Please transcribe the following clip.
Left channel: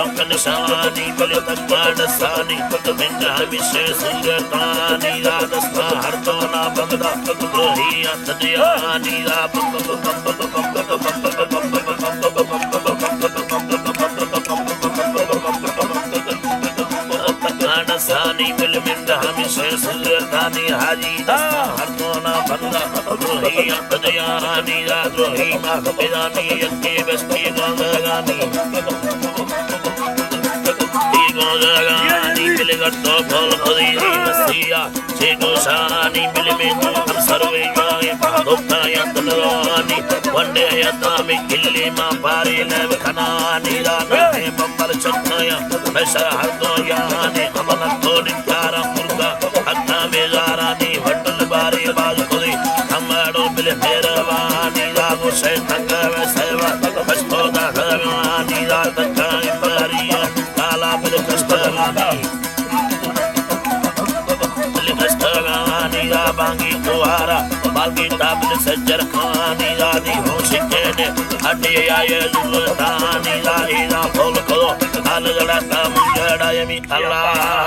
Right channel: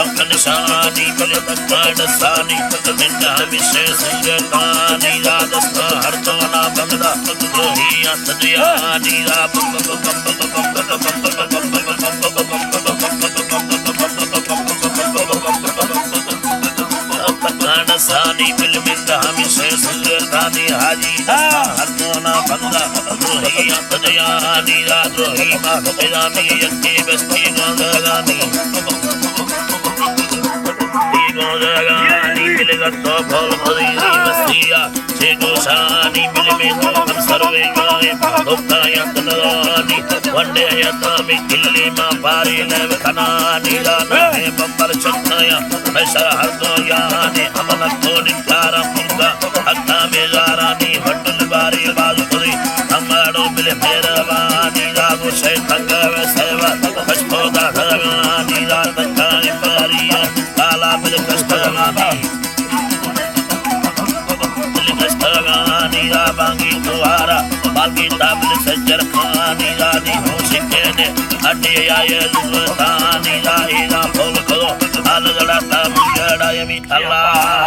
Sankanasaani, Bilipatpadasani, Vindavisesingani, Radhasna, Hartona, Bangda, Rohiya, Tadiyani, Sani, Bilminda, Hamisesingani, Haji, Hartona, Bangda, Rohiya, Tadiyani, Radhohima, Tadiyani, Yanki, Vesti, Gangagani. Gata bhal bhari vasiya segosani milme sarve gaye bhokta yatnani vande yatami killi ma pari lev khanani rame bambal chataya mesara hardo yani amala todi tara murga hatta bezarani hotel bari bazuri amado bile meravani rago se thangave seva kashtoda dhagani rataka impariya kala bil kastagami Bangi Tuara, Balgi Tablet Sajar Khani, Radi Hosikene, Adiya Zultani, Ida Polko, Alagata Mujada Yami Allah.